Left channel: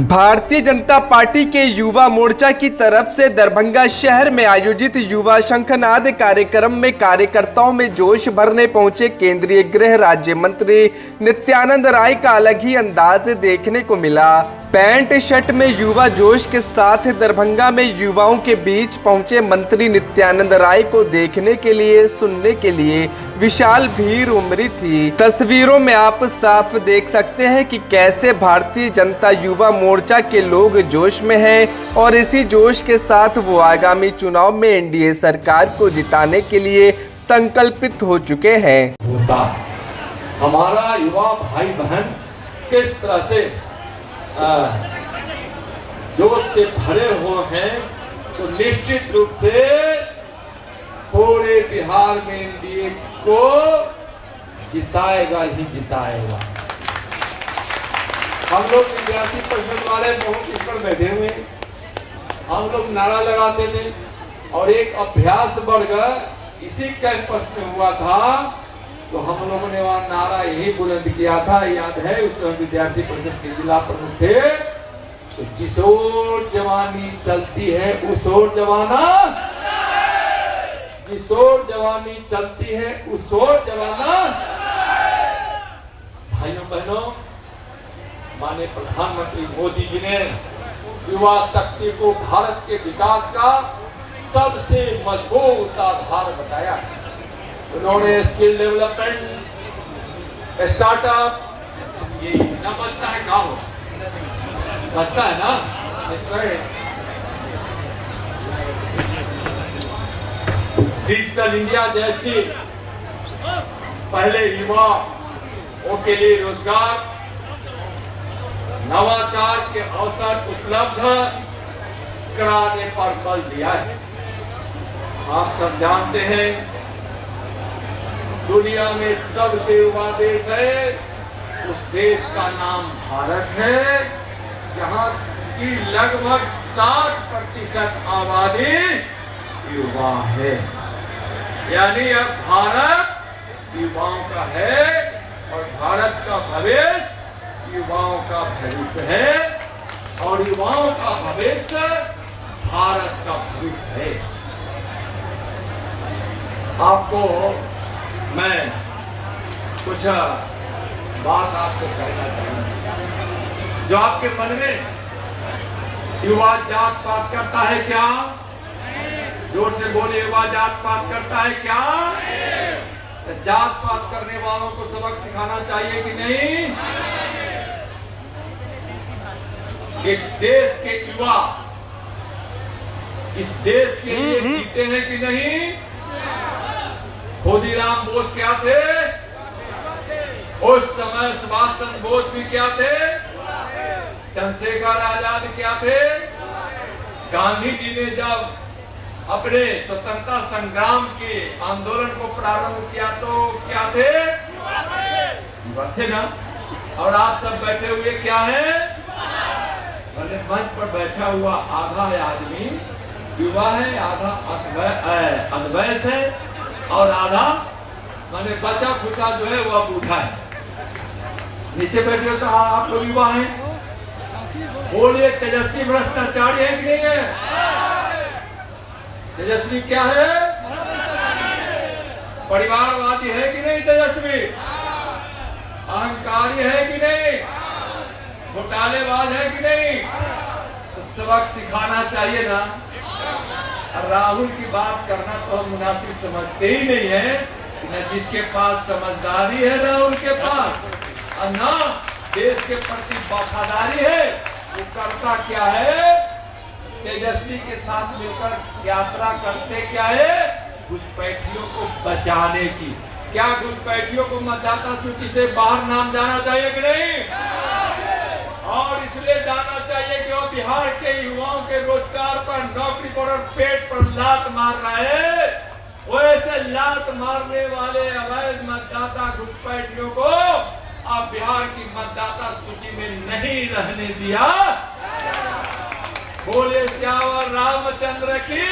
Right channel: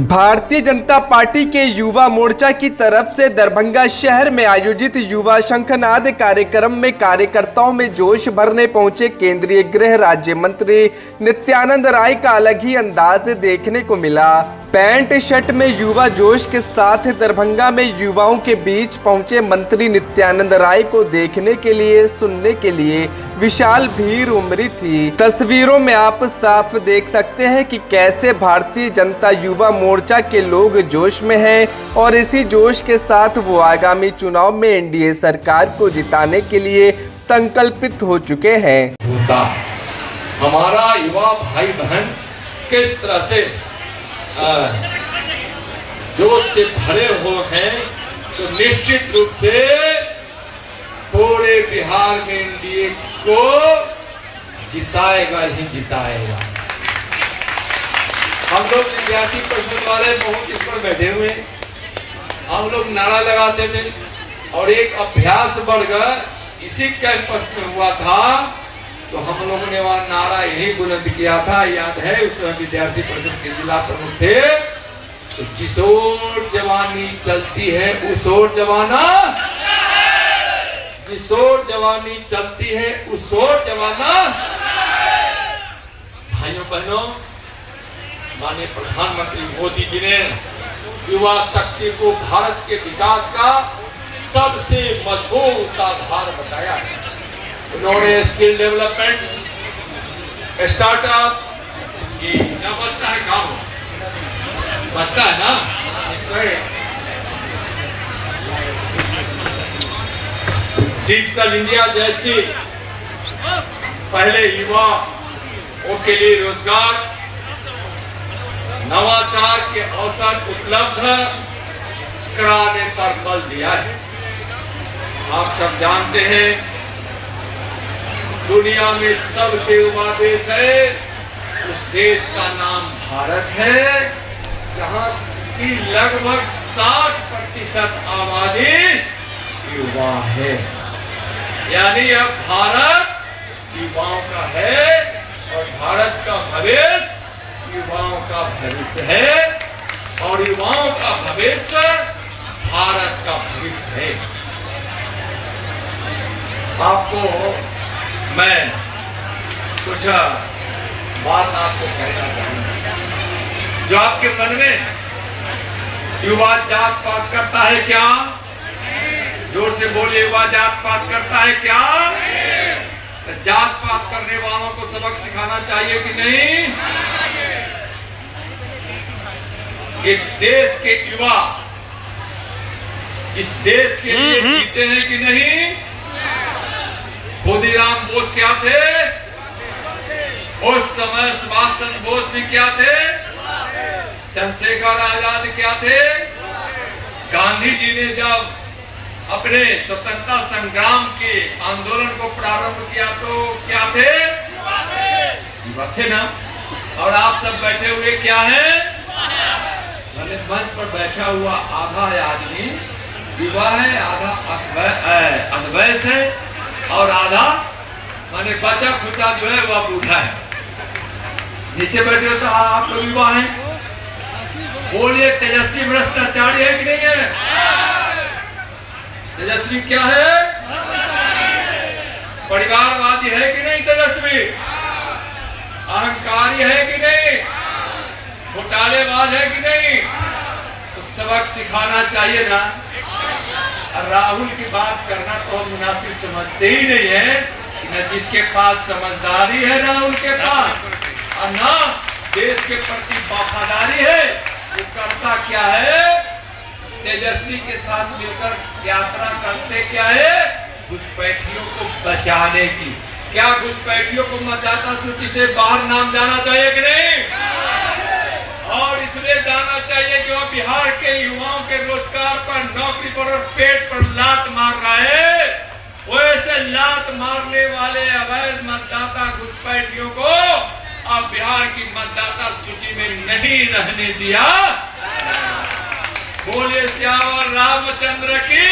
Bharatiya Janata party के युवा मोर्चा की तरफ से दरभंगा शहर में आयोजित युवा शंखनाद कार्यक्रम में कार्यकर्ताओं में जोश भरने पहुंचे केंद्रीय गृह राज्य मंत्री नित्यानंद राय का अलग ही अंदाज देखने को मिला। पैंट शर्ट में युवा जोश के साथ दरभंगा में युवाओं के बीच पहुंचे मंत्री नित्यानंद राय को देखने के लिए, सुनने के लिए विशाल भीड़ उमड़ी थी। तस्वीरों में आप साफ देख सकते हैं कि कैसे भारतीय जनता युवा मोर्चा के लोग जोश में हैं और इसी जोश के साथ वो आगामी चुनाव में एनडीए सरकार को जिताने के लिए संकल्पित हो चुके हैं। हमारा युवा भाई बहन किस तरह से जोश से भरे हुए हैं, तो निश्चित रूप से पूरे बिहार में एनडीए को जिताएगा ही जिताएगा। हम लोग विद्यार्थी परिषद वाले बहुत इस पर बैठे हुए हैं। हम लोग नारा लगाते थे और एक अभ्यास वर्ग इसी कैंपस में हुआ था, तो हम लोगों ने वहां नारा यही बुलंद किया था। याद है, उस समय विद्यार्थी परिषद के जिला प्रमुख थे, तो जिस ओर जवानी चलती है उस ओर जवाना, जिस ओर जवानी चलती है उस ओर जवाना। भाइयों बहनों, माननीय प्रधानमंत्री मोदी जी ने युवा शक्ति को भारत के विकास का सबसे मजबूत आधार बताया। उन्होंने स्किल डेवलपमेंट, स्टार्टअप, ये क्या बचता है, काम बचता है ना, डिजिटल इंडिया जैसी पहले युवाओं के लिए रोजगार, नवाचार के अवसर उपलब्ध कराने पर बल दिया है। आप सब जानते हैं, दुनिया में सबसे युवा देश है, उस देश का नाम भारत है, जहां की लगभग 60% आबादी युवा है। यानी अब भारत युवाओं का है और भारत का भविष्य युवाओं का भविष्य है और युवाओं का भविष्य भारत का भविष्य है। आपको मैं कुछ बात आपको कहना चाहूंगा। जो आपके मन में युवा जात पात करता है क्या? जोर से बोलिए, युवा जात पात करता है क्या? तो जात पात करने वालों को सबक सिखाना चाहिए कि नहीं? इस देश के युवा इस देश के लिए जीते हैं कि नहीं? खुदीराम बोस क्या थे? उस समय सुभाष चंद्र बोस भी क्या थे? चंद्रशेखर आजाद क्या थे? गांधी जी ने जब अपने स्वतंत्रता संग्राम के आंदोलन को प्रारंभ किया तो क्या थे? युवा थे ना। और आप सब बैठे हुए क्या हैं? भले मंच पर बैठा हुआ आधा आदमी युवा है, आधा अद्वैत है और आधा माने बचा खुचा जो है वह बूढ़ा है। नीचे बैठे हो तो आप लोग युवा हैं। बोलिए, तेजस्वी भ्रष्टाचारी है कि नहीं है? तेजस्वी क्या है? परिवारवादी है कि नहीं? तेजस्वी अहंकारी है कि नहीं? घोटालेबाज है कि नहीं? तो सबक सिखाना चाहिए ना। राहुल की बात करना तो हम मुनासिब समझते ही नहीं है। न जिसके पास समझदारी है राहुल के पास, और न देश के प्रति वफादारी है, वो करता क्या है? तेजस्वी के साथ मिलकर यात्रा करते क्या है? घुसपैठियों को बचाने की। क्या घुसपैठियों को मतदाता सूची से बाहर नाम जाना चाहिए कि नहीं? और इसलिए जाना चाहिए कि वो बिहार के युवाओं के रोजगार पर, नौकरी पर और पेट पर लात मार रहा है। वैसे लात मारने वाले अवैध मतदाता घुसपैठियों को अब बिहार की मतदाता सूची में नहीं रहने दिया। बोले श्यावर रामचंद्र की।